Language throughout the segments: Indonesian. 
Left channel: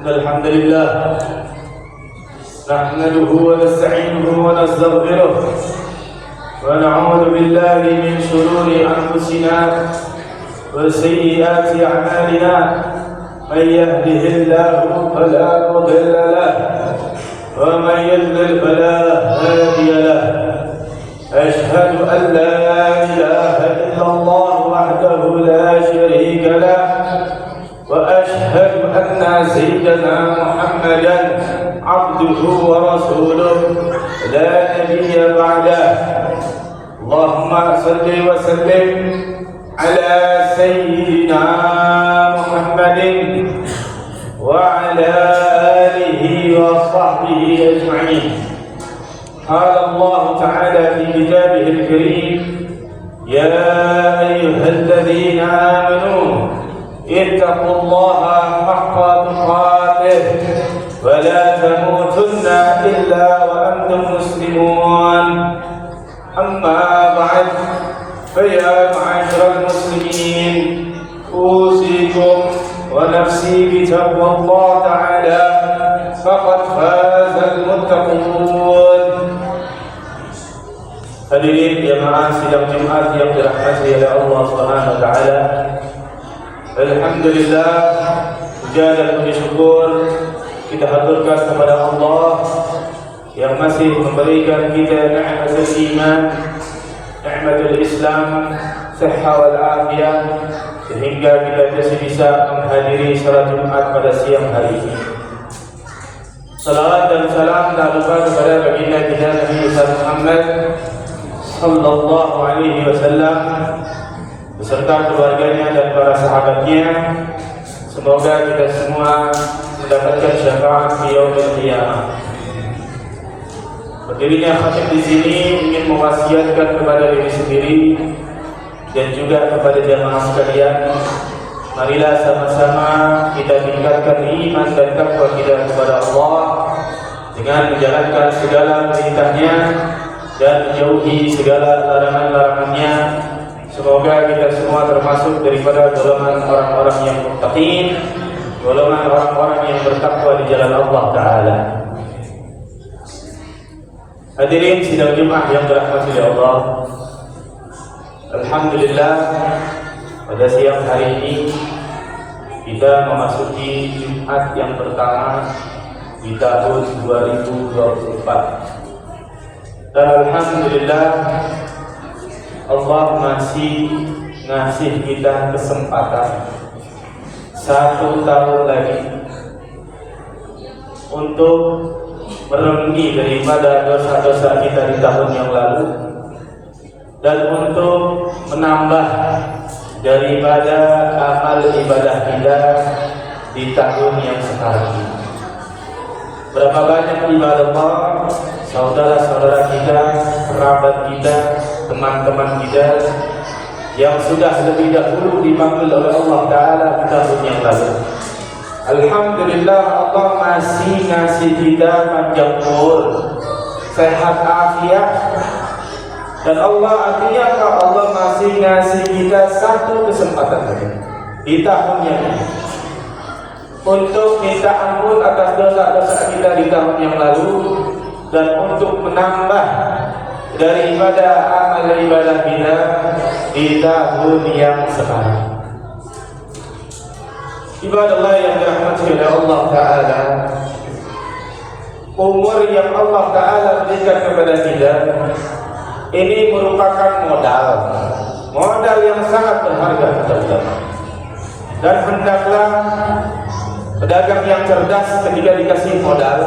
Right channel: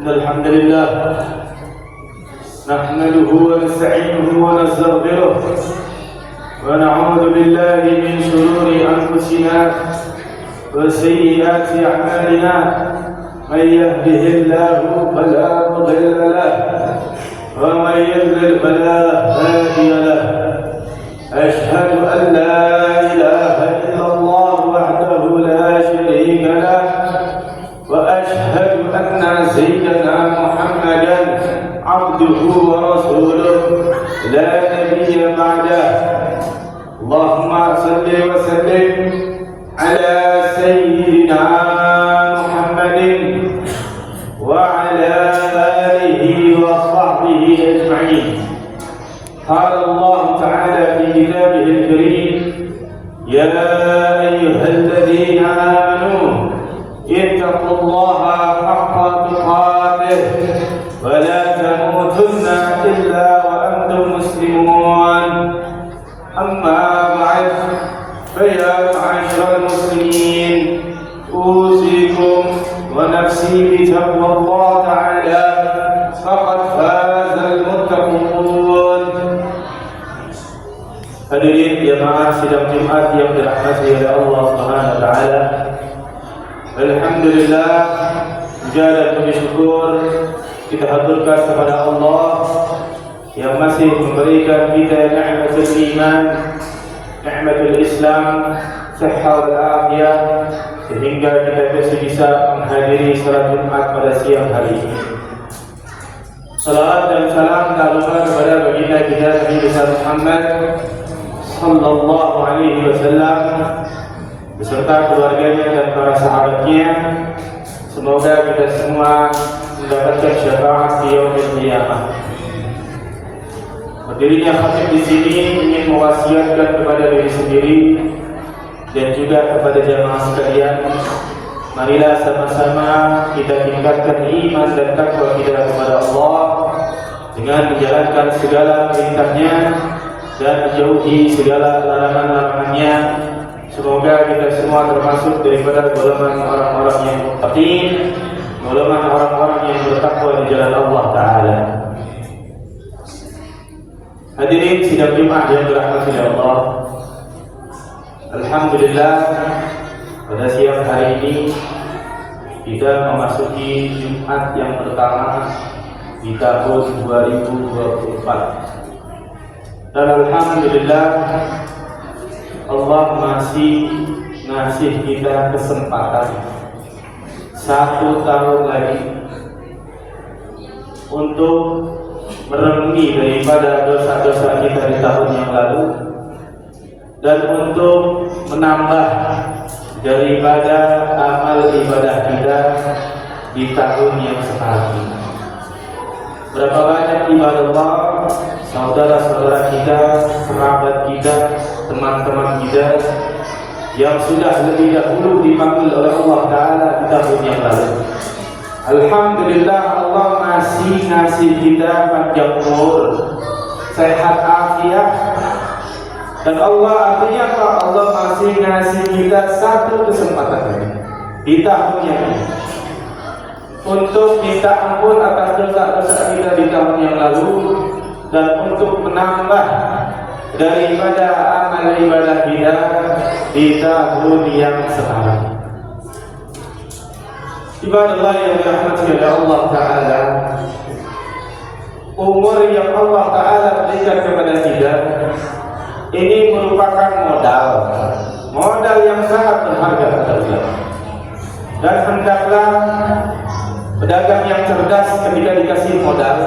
إن الحمد لله نحمده ونستعينه ونستغفره ونعوذ بالله من شرور أنفسنا وسيئات أعمالنا من يهده الله فلا مضل له ومن يضلل فلا هادي له أشهد أن لا إله إلا الله وحده لا شريك له وأشهد أن سيدنا محمدا عبده ورسوله لا نبي بعده اللهم صل وسلم على سيدنا محمد وعلى آله وصحبه أجمعين. قال الله تعالى في كتابه الكريم يا أيها الذين آمنوا اتقوا الله حق تقاته ولا تموتن إلا وأنتم مسلمون. أما بعد فيا معاشر المسلمين أوصيكم ونفسي بتقوى الله تعالى فقد فاز المتقون. Hadirin jamaah sidang Jumat yang dirahmati oleh Allah Subhanahu wa taala. Alhamdulillah, puja dan puji syukur kita haturkan kepada Allah yang masih memberikan kita nikmatul iman, nikmatul Islam, sehat wal afiyah sehingga kita masih bisa menghadiri salat Jumat pada siang hari ini. Salawat dan salam tak lupa kepada baginda kita Nabi besar Muhammad sallallahu alaihi wasallam beserta keluarganya dan para sahabatnya. Semoga kita semua mendapatkan syafaat di yaumil qiyamah. Berdirinya khatib di sini ingin mewasiatkan kepada diri sendiri dan juga kepada jamaah sekalian, marilah sama-sama kita tingkatkan iman dan takwa kita kepada Allah dengan menjalankan segala perintahnya dan menjauhi segala larangan-larangannya. Semoga kita semua termasuk daripada golongan orang-orang yang muttaqin, golongan orang-orang yang bertakwa di jalan Allah Ta'ala. Hadirin sidang Jumat yang dirahmati oleh Allah, alhamdulillah pada siang hari ini kita memasuki Jumat yang pertama di tahun 2024. Dan alhamdulillah Allah masih ngasih kita kesempatan 1 tahun lagi untuk merenungi daripada dosa-dosa kita di tahun yang lalu dan untuk menambah daripada amal ibadah kita di tahun yang sekarang ini. Berapa banyak ibadah Allah, saudara-saudara kita, kerabat kita, teman-teman kita yang sudah lebih dahulu dipanggil oleh Allah Ta'ala di tahun yang lalu. Alhamdulillah Allah masih ngasih kita panjang umur, sehat afiat, dan Allah artinya apa? Allah masih ngasih kita 1 kesempatan lagi di tahun yang ini untuk minta ampun atas dosa-dosa kita di tahun yang lalu dan untuk menambah daripada amal ibadah kita di tahun yang sekarang. Ibadallah yang dirahmati oleh Allah Ta'ala, umur yang Allah Ta'ala berikan kepada kita ini merupakan modal yang sangat berharga kepada. Dan hendaklah pedagang yang cerdas ketika dikasih modal,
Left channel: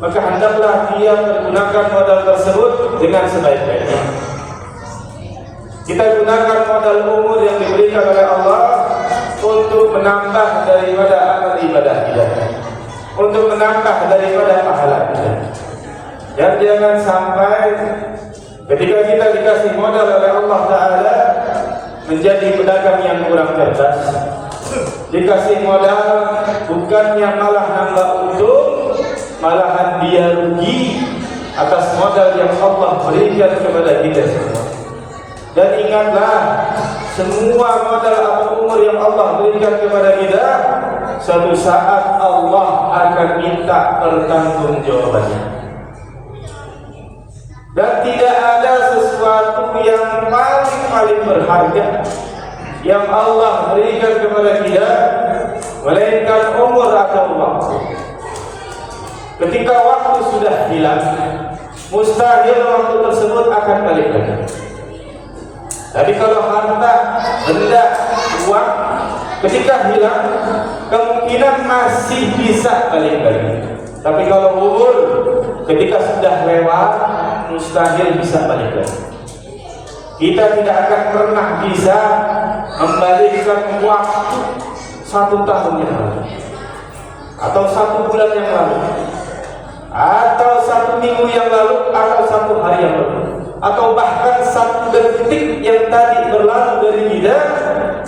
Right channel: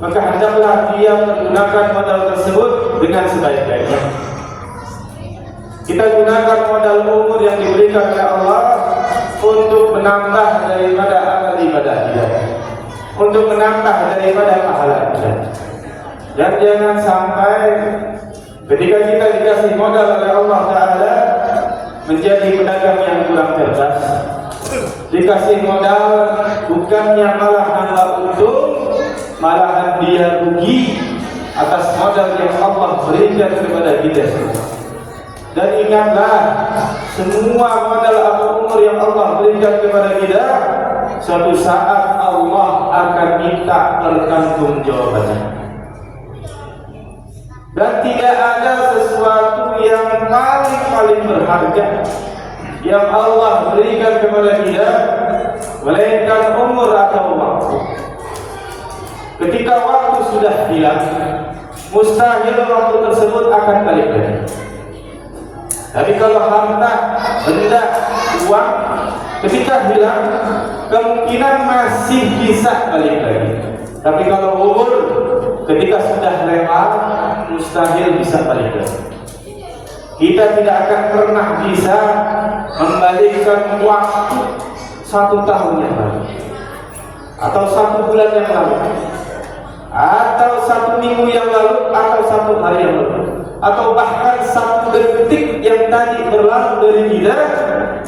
maka hendaklah dia menggunakan modal tersebut dengan sebaik-baiknya. Kita gunakan modal umur yang diberikan oleh Allah untuk menambah daripada amal ibadah kita, untuk menambah daripada pahala kita. Dan jangan sampai ketika kita dikasih modal oleh Allah Ta'ala menjadi pedagang yang kurang cerdas. Dikasih modal bukannya malah nambah untung, malahan dia rugi atas modal yang Allah berikan kepada kita semua. Dan ingatlah, semua modal atau umur yang Allah berikan kepada kita suatu saat Allah akan minta pertanggungjawabannya. Dan tidak ada sesuatu yang paling berharga yang Allah berikan kepada kita melainkan umur atau waktu. Ketika waktu sudah hilang, mustahil waktu tersebut akan balik lagi. Tapi kalau harta, benda, uang ketika hilang, kemungkinan masih bisa balik lagi. Tapi kalau umur ketika sudah lewat, mustahil bisa balik lagi. Kita tidak akan pernah bisa membalikkan waktu 1 tahun yang lalu, atau 1 bulan yang lalu, atau 1 minggu yang lalu, atau 1 hari yang lalu, atau bahkan 1 detik yang tadi berlalu dari kita.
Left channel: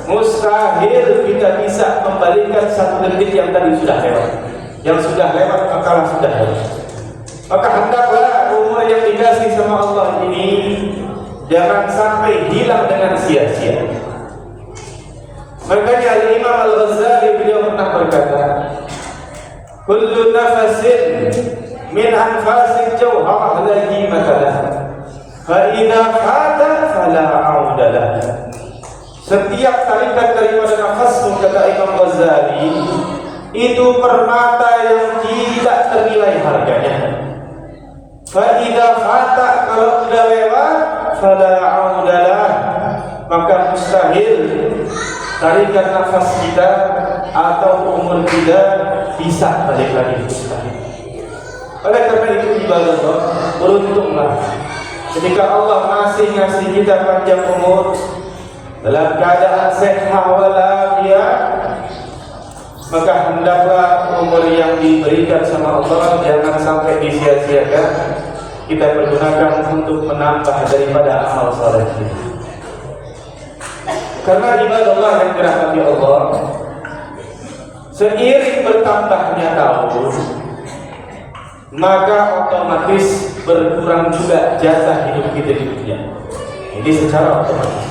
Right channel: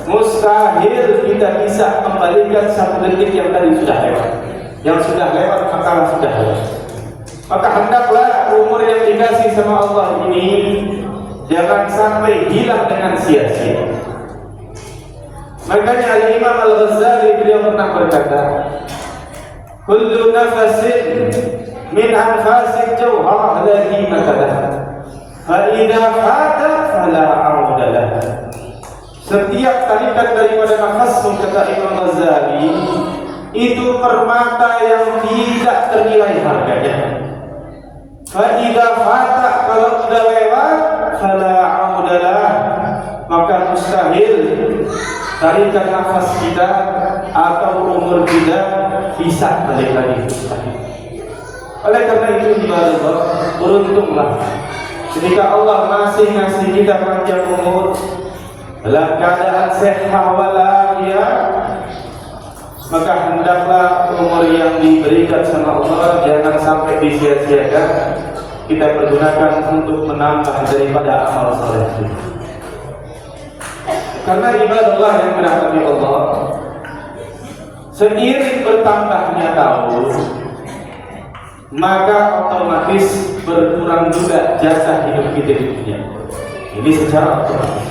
Mustahil kita bisa membalikkan 1 detik yang tadi sudah lewat. Yang sudah lewat maka sudah lewat. Maka hendaklah umur yang dikasih sama Allah ini jangan sampai hilang dengan sia-sia. Makanya Imam Al-Ghazali beliau pernah berkata, kullu nafasin min anfasil jawhar ladhi makalah, fa idza fata fala audalah. Setiap tarikan daripada nafasmu, kata Imam Ghazali, itu permata yang tidak ternilai harganya. Fa idza fata, kalau sudah lewat, fala audalah, maka mustahil tarikan nafas kita atau umur kita bisa balik lagi. Oleh karena itu ibadah, beruntunglah ketika Allah masih ngasih kita panjang umur dalam keadaan sehat walafiat, maka hendaklah umur yang diberikan sama Allah jangan sampai disia-siakan. Kita pergunakan untuk menambah daripada amal saleh kita. Karena ibadah Allah yang dirahmati Allah, seiring bertambahnya tahun, maka otomatis berkurang juga jasa hidup kita di dunia. Ini secara otomatis.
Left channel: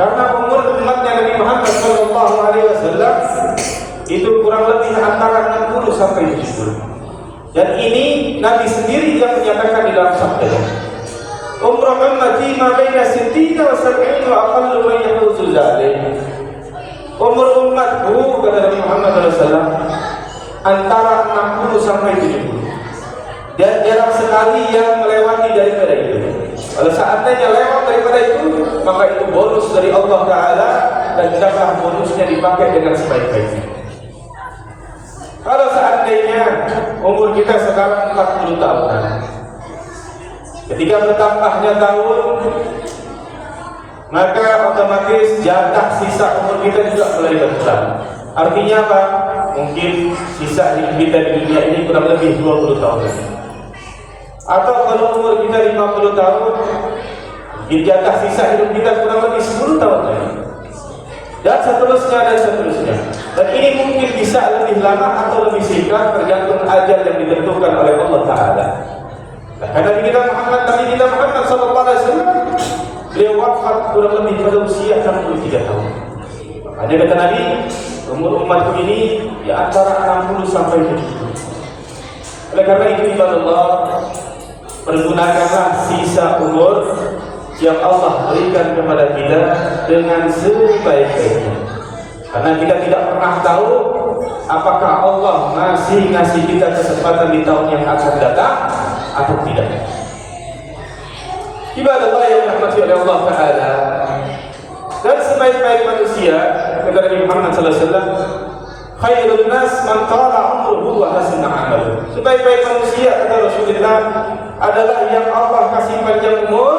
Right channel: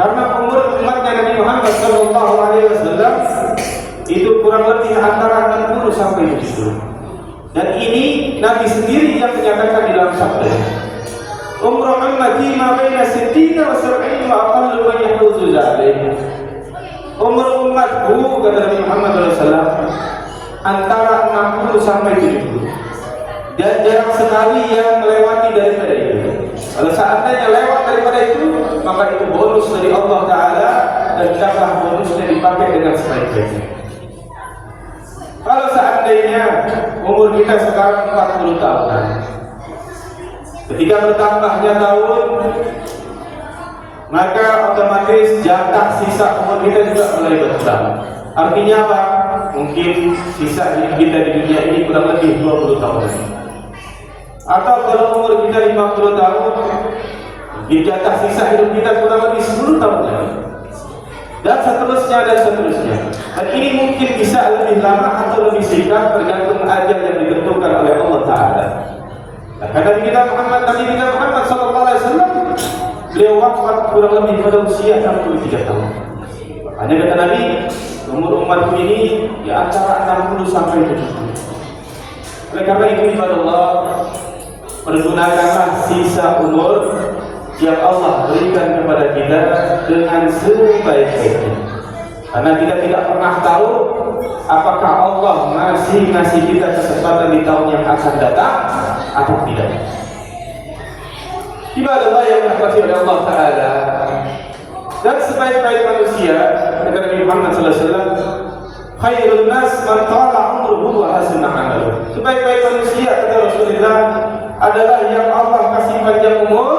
Karena umur umat Nabi Muhammad SAW itu kurang lebih antara 60 sampai 70. Dan ini Nabi sendiri yang menyatakan di dalam sabdanya, umur ummati ma baina 60 wa 70 wa aqallu man yahuzu dzalik. Umur umatku, kata Nabi Muhammad SAW, antara 60 sampai 70. Dan jarang sekali yang melewati daripada itu. Kalau seandainya lewat daripada itu, maka itu bonus dari Allah Ta'ala, dan hendaklah bonusnya dipakai dengan sebaik-baiknya. Kalau seandainya umur kita sekarang 40 tahun, ketika bertambahnya tahun, maka otomatis jatah sisa umur kita juga mulai berkurang. Artinya apa? Mungkin sisa hidup kita di dunia ini kurang lebih 20 tahun lagi. Atau kalau umur kita 50 tahun, jatah sisa hidup kita kurang lebih 10 tahun lagi. Dan seterusnya. Dan ini mungkin bisa lebih lama atau lebih singkat tergantung ajal yang ditentukan oleh Allah Ta'ala. Karena Nabi kita Muhammad SAW, beliau wafat kurang lebih pada usia 63 tahun. Hanya kata Nabi, umur umatku ini di antara 60 sampai 70. Oleh karena itu ibadah Allah, pergunakanlah sisa umur yang Allah berikan kepada kita dengan sebaik-baiknya. Karena kita tidak pernah tahu apakah Allah ngasih kita kesempatan di tahun yang akan datang atau tidak. Ibadah Allah yang dirahmati oleh Allah Ta'ala, dan sebaik-baik manusia, kata Nabi Muhammad SAW, khairun nas man tala umruhu wa hasuna amaluhu. Sebaik-baik manusia, kata Rasulullah, adalah yang Allah kasih panjang umur,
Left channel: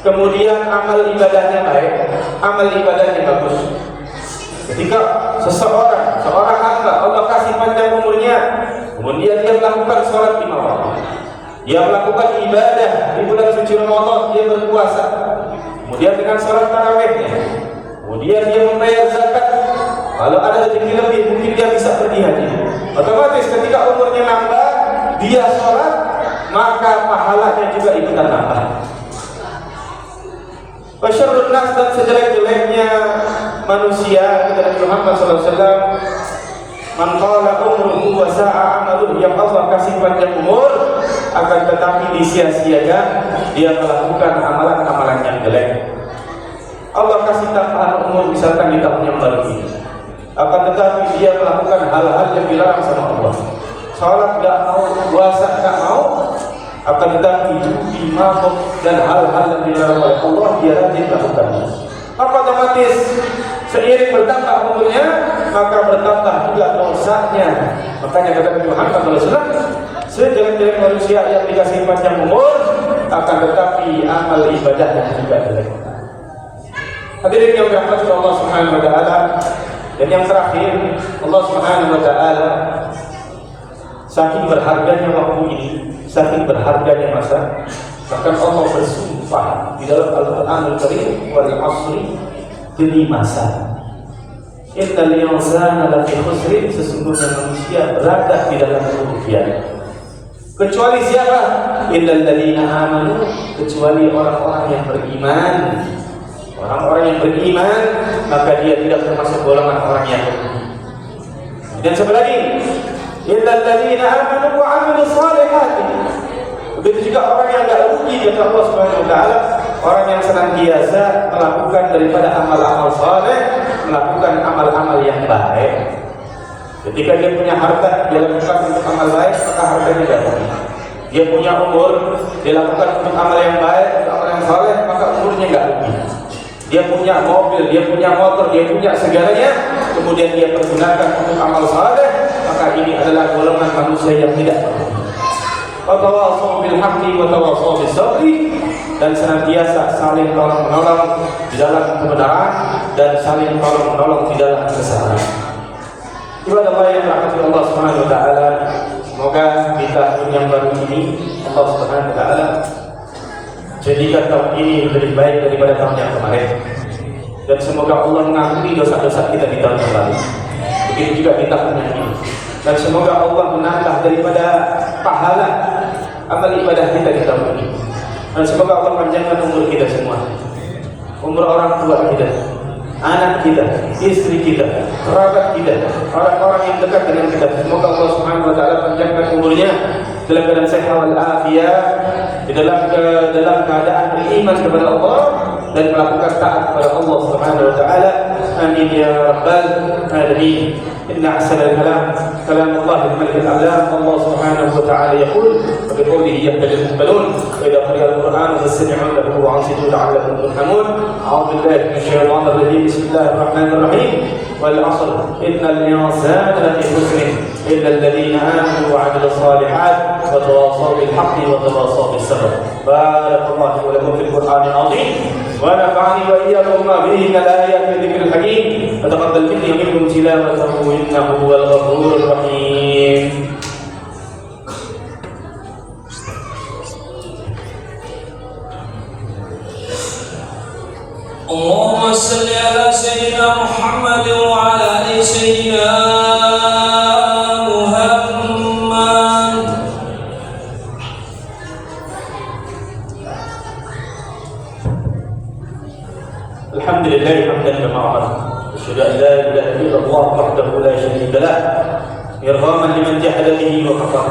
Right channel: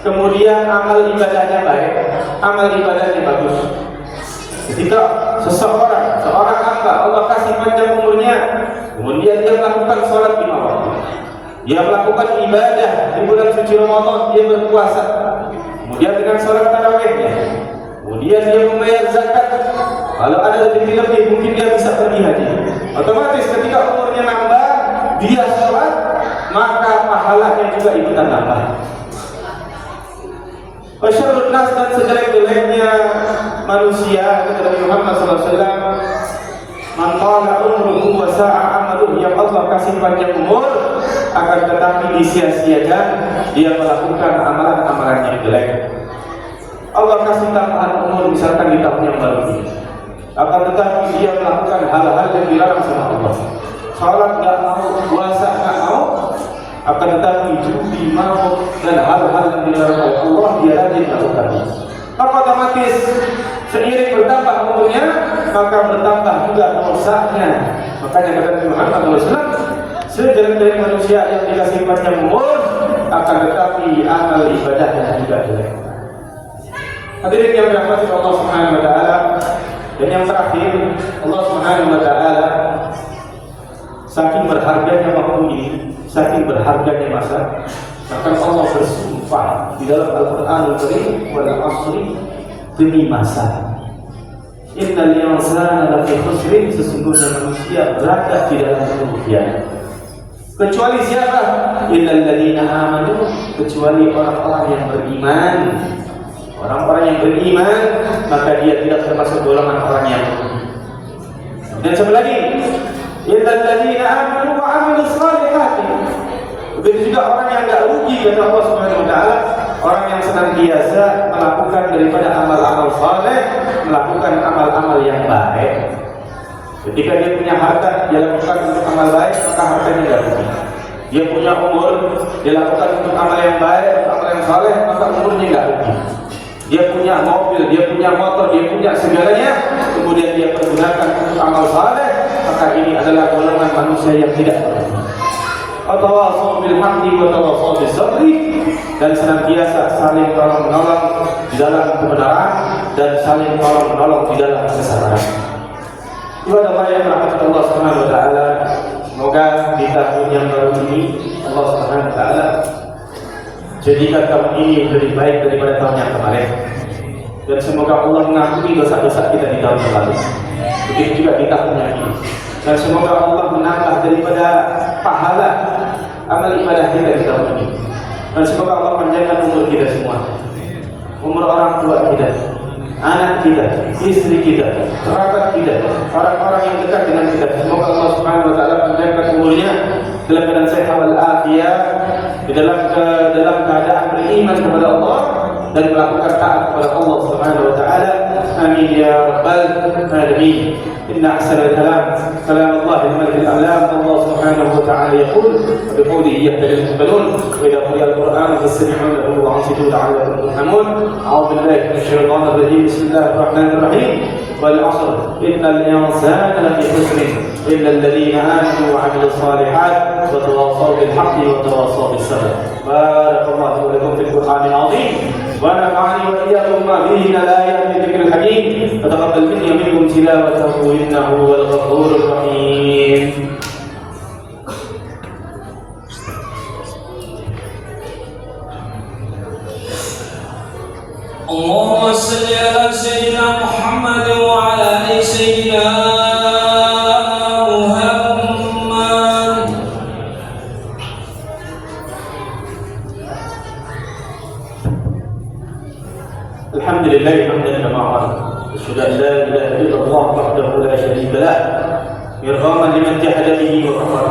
kemudian amal ibadahnya baik, amal ibadahnya bagus. Ketika seorang hamba Allah kasih panjang umurnya, kemudian dia melakukan sholat 5 waktu, dia melakukan ibadah di bulan suci Ramadan, dia berpuasa, kemudian dengan sholat tarawihnya, kemudian dia membayar zakat. Kalau ada rezeki lebih, mungkin dia bisa pergi haji. Otomatis ketika umurnya nambah, dia sholat, maka pahalanya juga ikutan nambah. Wasyarrun nas, dan sejelek-jeleknya manusia, kata Nabi Muhammad SAW, Man qala umruhu wa sa'a amaluhu, yang Allah kasih panjang umur akan tetapi disia-siakan dia melakukan amalan-amalan yang jelek. Allah kasih tambahan umur misalkan di tahun yang baru ini, akan tetapi dia melakukan hal-hal yang dilarang sama Allah. Salat enggak mau, puasa enggak mau, akan tetapi judi, mabuk dan hal-hal yang dilarang oleh Allah dia rajin lakukannya. Apa otomatis seiring bertambah umurnya maka bertambah juga dosanya. Makanya kata Nabi Muhammad SAW, sejelek-jelek manusia yang dikasih panjang umur akan tetapi amal ibadahnya juga jelek. Hadirin yang dirahmati Allah Subhanahu wa taala, dan yang terakhir Allah Subhanahu wa taala saking berharganya waktu ini, saking berharganya masa, bahkan Allah bersumpah di dalam Al-Qur'anul Karim wal 'ashri, demi masa. Innal insana lafi khusrin, sesungguhnya manusia berada di dalam kerugian. Kecuali siapa? Illal ladzina amanu, kecuali orang-orang yang beriman. Orang-orang yang beriman maka dia tidak termasuk golongan orang yang rugi. Dan satu lagi, illal ladzina amanu wa 'amilus shalihati. Begitu juga orang yang tidak rugi kata Allah Subhanahu wa taala, orang yang senantiasa melakukan daripada amal-amal saleh, melakukan amal-amal yang baik. Ketika dia punya harta, dia lakukan untuk amal baik, maka hartanya tidak rugi. Dia punya umur, dia lakukan untuk amal yang baik, amal yang saleh, maka umurnya tidak rugi. Dia punya mobil, dia punya motor, dia punya segalanya, kemudian dia pergunakan untuk amal saleh, maka ini adalah golongan manusia yang tidak rugi. Watawassaw bil haqqi watawassaw bis sabri, dan senantiasa saling tolong-menolong di dalam kebenaran dan saling tolong-menolong di dalam kesabaran. Ibadah Allah yang dirahmati Allah Subhanahu wa taala, semoga di tahun yang baru ini Allah Subhanahu wa taala jadikan tahun ini lebih baik daripada tahun yang kemarin. Dan semoga Allah mengampuni dosa-dosa kita di tahun yang lalu. Begitu juga di tahun yang ini. Dan semoga Allah menambah daripada pahala amal ibadah kita di tahun ini. Dan semoga Allah panjangkan umur kita semua, umur orang tua kita, anak kita, istri kita, kerabat kita, orang-orang yang dekat dengan kita. Semoga Allah Subhanahu wa taala panjangkan umurnya dalam keadaan sehat wal afiat, di dalam keadaan beriman kepada Allah dan melakukan taat kepada Allah Subhanahu wa taala. Amin ya rabbal alamin. إن أحسن الكلام كلام الله الملك الأعلام. الله سبحانه وتعالى يقول وبقوله يهتدي المهتدون وإذا قرئ القرآن فاستمعوا له وأنصتوا لعلكم ترحمون. أعوذ بالله من الشيطان الرجيم. بسم الله الرحمن الرحيم. والعصر إن الإنسان لفي خسر إلا الذين آمنوا وعملوا الصالحات وتواصوا بالحق وتواصوا بالصبر. بارك الله ولكم في القرآن العظيم ونفعني وإياكم ما فيه من الآيات والذكر الحكيم. وتقبل مني ومنكم تلاوته إنه هو الغفور الرحيم. اللهم صل على سيدنا محمد وعلى آل سيدنا محمد. الحمد لله حمدا كما أمر. أشهد أن لا إله إلا الله وحده لا شريك له إرغاما لمن جحد به وكفر.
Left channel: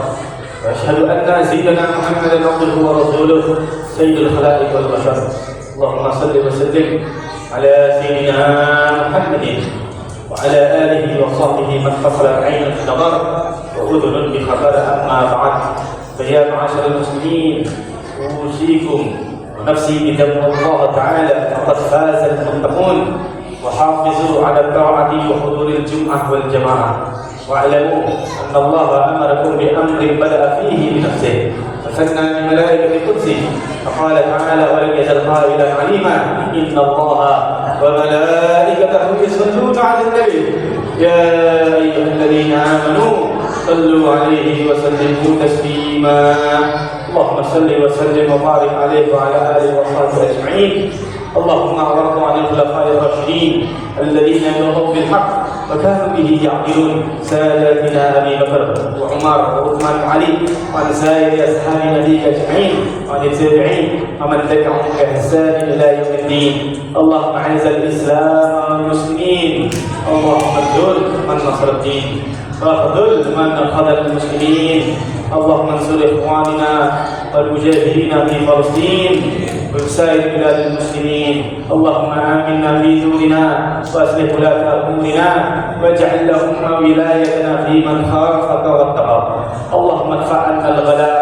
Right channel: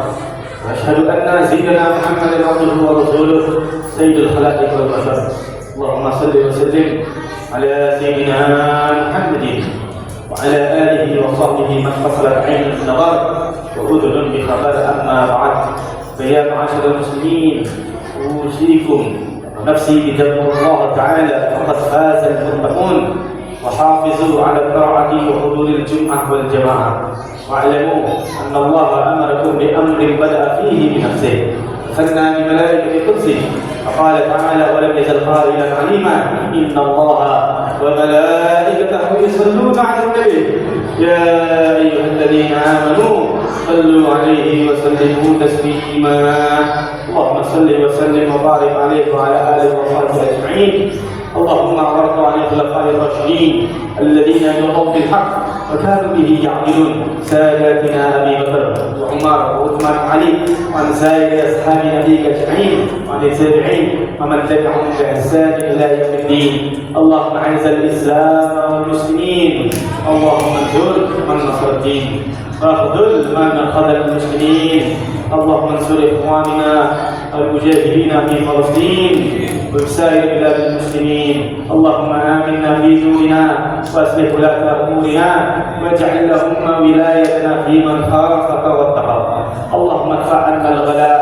وأشهد أن سيدنا محمدا عبده ورسوله سيد الخلائق والبشر. اللهم صل وسلم على سيدنا محمد وعلى آله وصحبه من قصرت عين النظر وأذن بخبر. أما بعد، فيا معاشر المسلمين، أوصيكم ونفسي بتقوى الله تعالى، فقد فاز المتقون. وحافظوا على الطاعة وحضور الجمعة والجماعة، واعلموا أن الله أمركم بأمر بدأ فيه بنفسه وثنى بملائكة قدسه، فقال تعالى: ولم يزل قائلا عليما إن الله وملائكته يصلون على النبي يا أيها الذين آمنوا صلوا عليه وسلموا تسليما. اللهم صل وسلم وبارك عليه وعلى آله وصحبه أجمعين. اللهم وارض عن الخلفاء الراشدين الذين جاءوا بالحق وكانوا به يعدلون، ساداتنا ابي بكر وعمر وعثمان وعلي، وعن سائر اصحاب نبيك اجمعين، وعن التابعين ومن تبعهم باحسان الى يوم الدين. الدين. اللهم أعز الإسلام والمسلمين، اللهم انصر من نصر الدين واخذل من خذل المسلمين. اللهم انصر إخواننا المجاهدين في فلسطين وفي سائر بلاد المسلمين. اللهم آمنا في دورنا وأصلح ولاة أمورنا واجعل اللهم ولايتنا في من خافك واتقاك. اللهم ادفع عنا الغلاء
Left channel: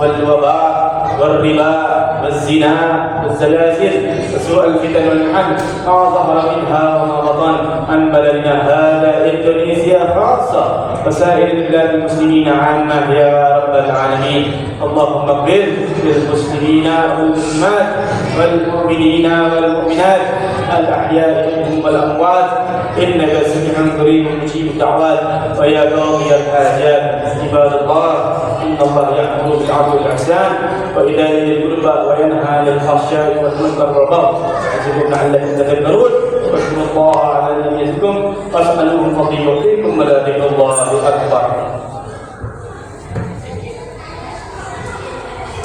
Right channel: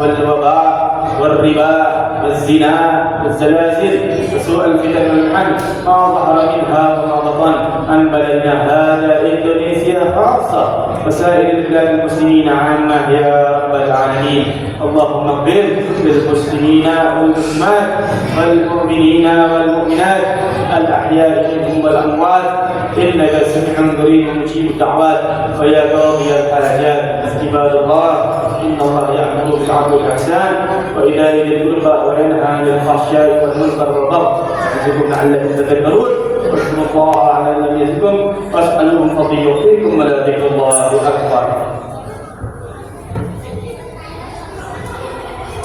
والوباء والربا والزنا والزلازل وسوء الفتن والمحن ما ظهر منها وما بطن عن بلدنا هذا إندونيسيا خاصة وسائر بلاد المسلمين عامة يا رب العالمين. اللهم اغفر للمسلمين والمسلمات والمؤمنين والمؤمنات الأحياء منهم والأموات إنك سميع قريب مجيب الدعوات ويا قاضي الحاجات. عباد الله، إن الله يأمر بالعدل والإحسان وإيتاء ذي القربى وينهى عن الفحشاء والمنكر والبغي يعظكم لعلكم تذكرون. واذكروا الله على ما يذكركم واسألوه الفضل يعطيكم ولذكر الله أكبر.